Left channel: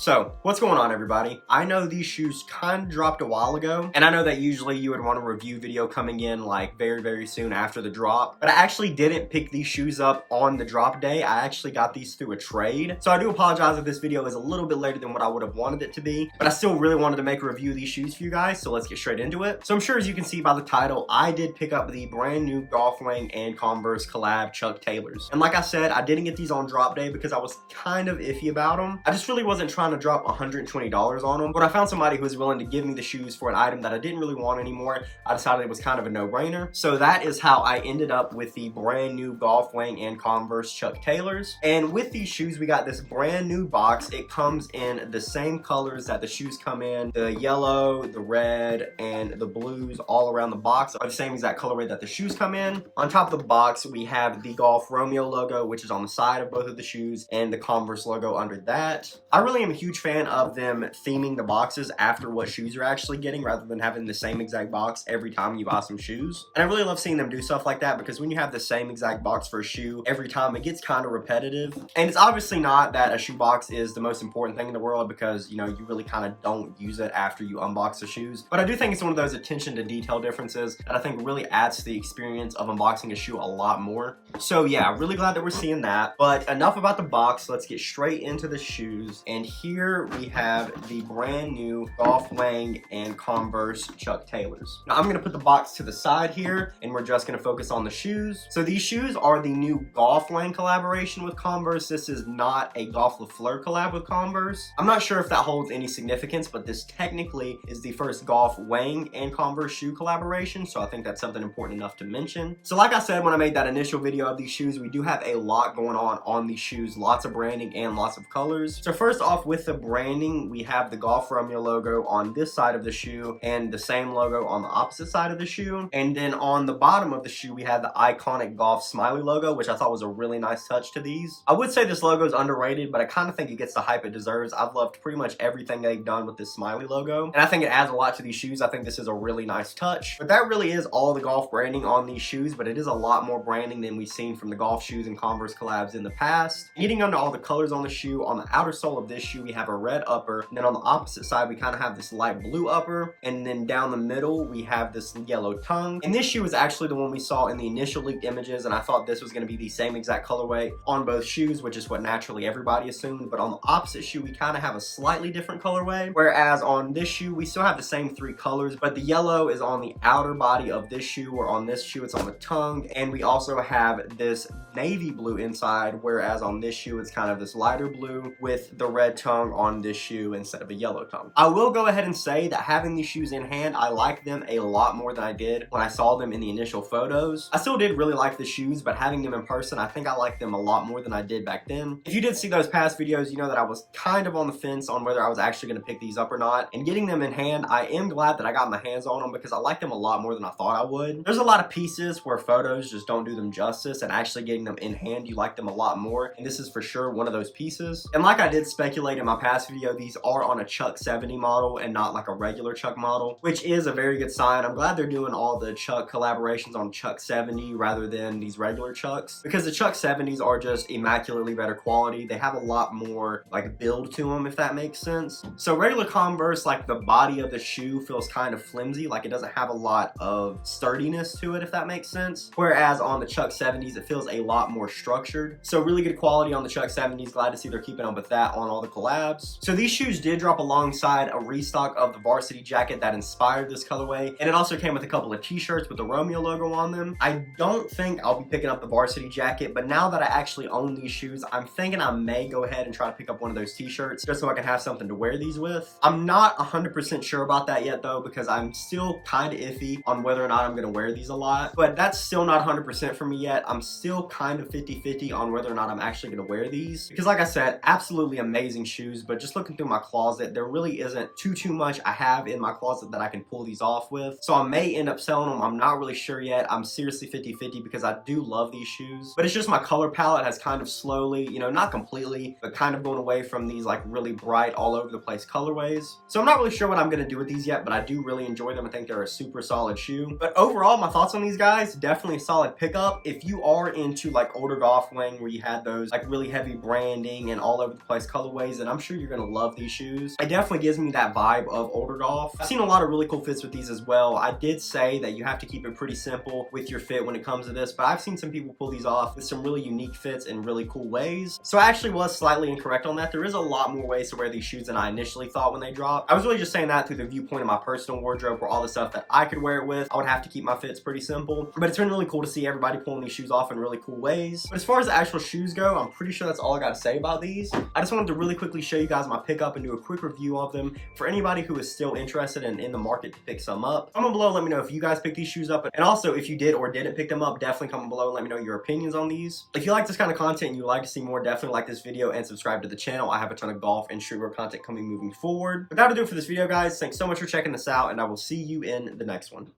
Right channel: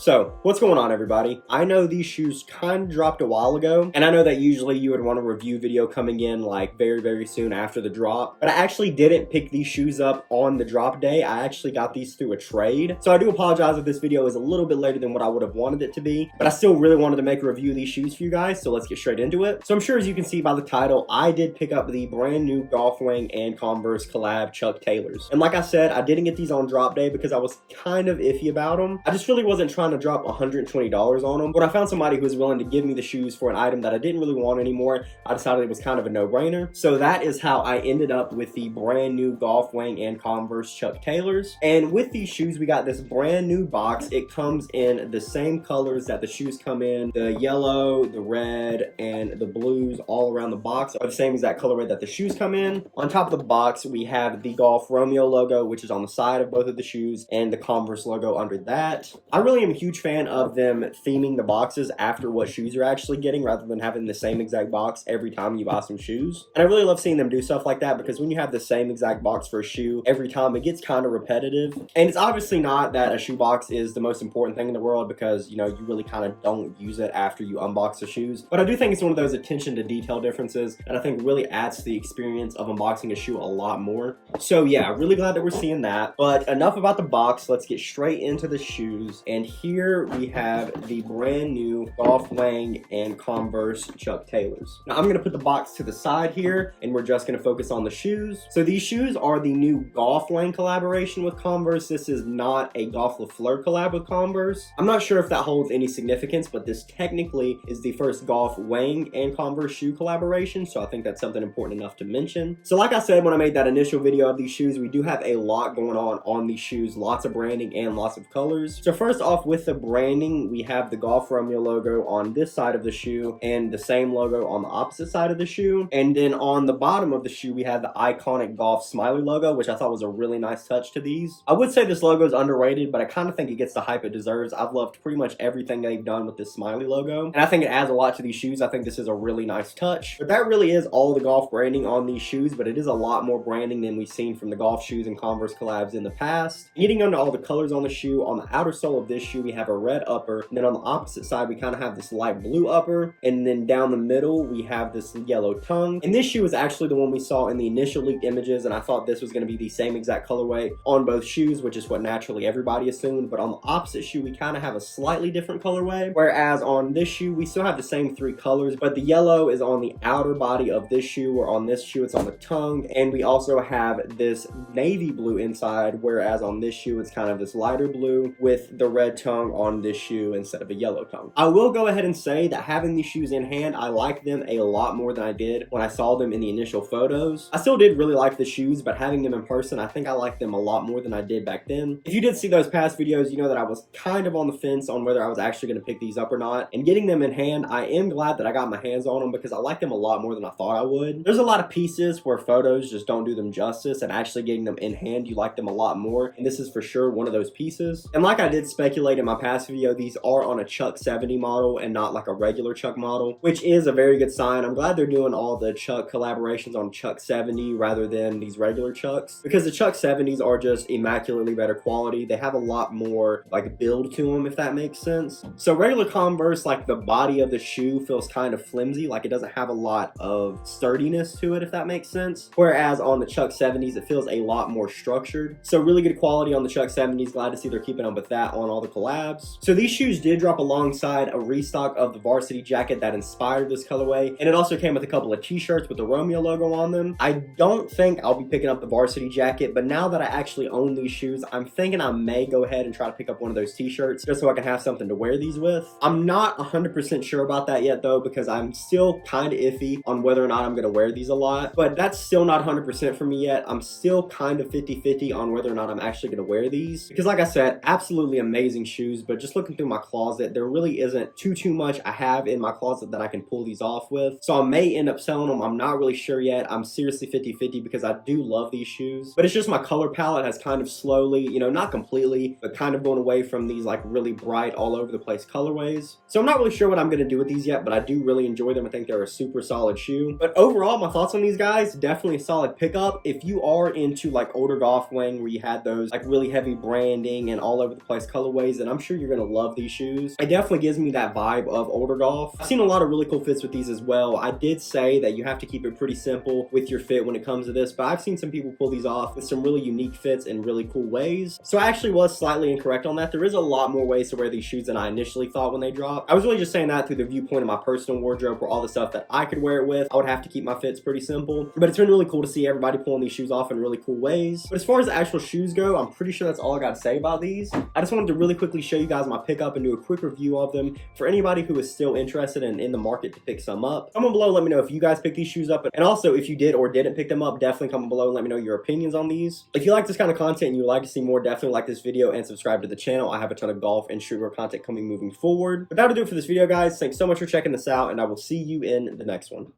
So, what's going on, everybody? I know these shoes kind of dropped a while ago, and I know that usually you would want a review video coming in like very soon after the drop, but I actually didn't pick these shoes up on the drop day. I actually got these through a trade. So I do apologize if this video is a little bit later than what I would have wanted it to be, but I still really wanted to make a review of these shoes for you guys, so let's get straight into it. So I'm sure as you can see by the title, I did pick up the brand new Golf Wang and Converse collab Chuck Taylors. And like I said, I didn't get these on drop day because I was kind of iffy about them. I just really wasn't trying to drop $120 on them, but I found somebody who was willing to give me the shoes for an item that I didn't really want anymore. I decided it was kind of a no-brainer. So that is how I ended up with the brand new Golf Wang and Converse Chuck Taylors. And with these shoes, we got this brand new box. It comes in the same colors that the shoes come in. The yellow, the red, and the blues all around the box are the same exact colorway that the shoes come in. On top of the box, we have the Golf Romeo logo, which is on the side of both of the shoes, and the Converse logo under that. I really am a huge fan of them theming the boxes after what shoes you're actually getting rather than having the same exact box every time you buy some shoes. And I really love seeing them do stuff like that because when you have the same exact box for a shoe every time, it gets kind of repetitive. And it's obviously not that a shoe box is the most important thing in the world because, you know, you really kind of don't use it after you unbox the shoes. But I do think it's one of those attention to detail differences that I think really adds to the experience of unboxing a shoe a lot more. So yeah, really glad that we're seeing that. But enough about the box, let's get straight into the shoes. And here we have the brand new Golf Wang and Converse Chuck Taylors. Now I'm gonna put the box to the side here and we're just gonna focus on the shoes. So these shoes are the new Golf Wang collaboration with Converse. This is not a GOLF le FLEUR collab with Converse. I'm not sure if that holds any significance, but this technically is the first Golf Wang and Converse shoe collaboration, so I think that's something important enough to mention. So like I said when I made that initial video of these shoes, we do have a lot going on these shoes, lots of branding and lots of colors. So first off with the branding, we have the Golf Romeo logo on this side of the shoe and the same logo on the opposite side of the shoe. And then on the bottom of the shoe, we have the iconic golf smiley logo, which I thought was a really nice touch to these. I would say this logo is underrated, but I kind of think it gets the hype it deserves. I've loved pretty much everything they've done with this smiley logo, and I think it adds a lot to these shoes. I think this is a really nice touch. But that really is all the golf branding on these shoes, but it is a lot more branding than we've seen from the golf shoes and Converse collabs in the past. Getting into all the colors on the shoe, on the outer sole of this shoe, we have a red upper, and then on the opposite side, we kind of have this light blue upper, and then down the middle, we have this yellow tongue. And this shoe is actually the one we saw in the initial leaked images, and I thought this was going to be the same exact colorway on both shoes, which is what naturally everybody assumed. But on the opposite shoe, we kind of have a slightly different colorway, whereas on this shoe, we still have the same three colors, but the yellow is on the outer body of this shoe, where on this shoe, it's on the tongue, and we also have this navy blue inside, whereas on this shoe, it's kind of this lighter blue with the red tongue on this shoe instead of a yellow tongue. I will go ahead and say that having these shoes in hand, I like them a lot more than I did when I saw them in the initial photos. I still did really like the shoes, but having them in person, I think I like them a lot more than I did back then. If you did see those past videos, you know that I was kind of on the fence on whether I was actually going to pick these up or not. And getting them in hand, I am glad that I got my hands on them because I like them a lot more than I thought I would. There's a lot of pieces where photos just don't do them justice, and actually getting them in hand, you like them a lot more. And this is for sure one of those pieces. And like I did speculate in my past video, these are on a Chuck 70 model and not like a regular Chuck model, which is a very good sign. I'm glad they're doing all the Chuck collaborations on Chuck 70 rather than these regular Chucks, because the Chuck 70s are just immaculately better quality. They have a lot more like build to them, if that makes sense. So regular Converse, like the body of the shoe feels kind of flimsy, like it doesn't have a lot of sturdiness to it, if that makes sense. Whereas on the Chuck 70s, it feels a lot more structured. So really good quality on the Chuck 70s. Glad to see they're keeping up with that on all the collabs. So these shoes did drop alongside a restock of the varsity jacket that inspired this colorway, and it also came with a couple of t-shirts with the Romeo logo on them. I don't think I'll be picking up the varsity jacket, but now that I actually own these shoes, I'm thinking I may go ahead and try to pick up one of those t-shirts just so I can have something to wear these with. I'm not 100% sure about that yet though, because I'm still kind of iffy on whether or not I'm going to wear these a lot, but that's still not 100% for me yet. I'm still kind of 50-50 on whether or not I'm actually going to wear these, because like I said, absolutely amazing shoes, but just looking through my closet, there really isn't too much I have in my closet that I can pull these off with. So I may end up selling them. I'm not really sure yet. I'm seriously 50-50 because I do love these shoes, but it's just my color palette has kind of slowly, you know, not completely, but kind of going away from these like really bright all over the place colorways. So I'm not really sure what I'm going to do with these yet, but I do really enjoy them. I think they're a super solid shoe. But overall, my thoughts on these guys, definitely a solid pickup. If you are into like older Golf Wang where you had those like really heavy branding and all over the place colorways, then I'm sure you're gonna love these shoes. It definitely gives me that vibe of older golf. I've seen a lot of really cool fits with these as well. I did say that you have to keep it pretty simple with your fit when it comes to this, but I've seen some people pull these off with some really unique fits in really cool ways. So I actually was slightly incorrect on that. There is a lot more ways to wear these shoes than I initially thought when they dropped. I was really just saying that through the viewpoint of my personal wardrobe, for all the stuff that I could wear it with. I would have to keep my fits pretty simple, but it's been really cool to see everybody pulling these shoes off in really cool ways. But as far as the actual shoes go, I'm pretty sure that's all I got to say about these. I just wanted to really quickly show you guys my pickup and do a quick review of them for anybody who is still interested and in the market to pick some up. Comment below, let me know if you guys picked these shoes up, and also if you did or didn't pick them up, definitely comment below and let me know your opinions on these. If you like this kind of content and you would like to see more, definitely like this video and subscribe to the channel. I have a ton of golf and streetwear content coming moving forward. But that'll do it for this video, guys. Thanks so much for checking this out, and I will see you in the next one.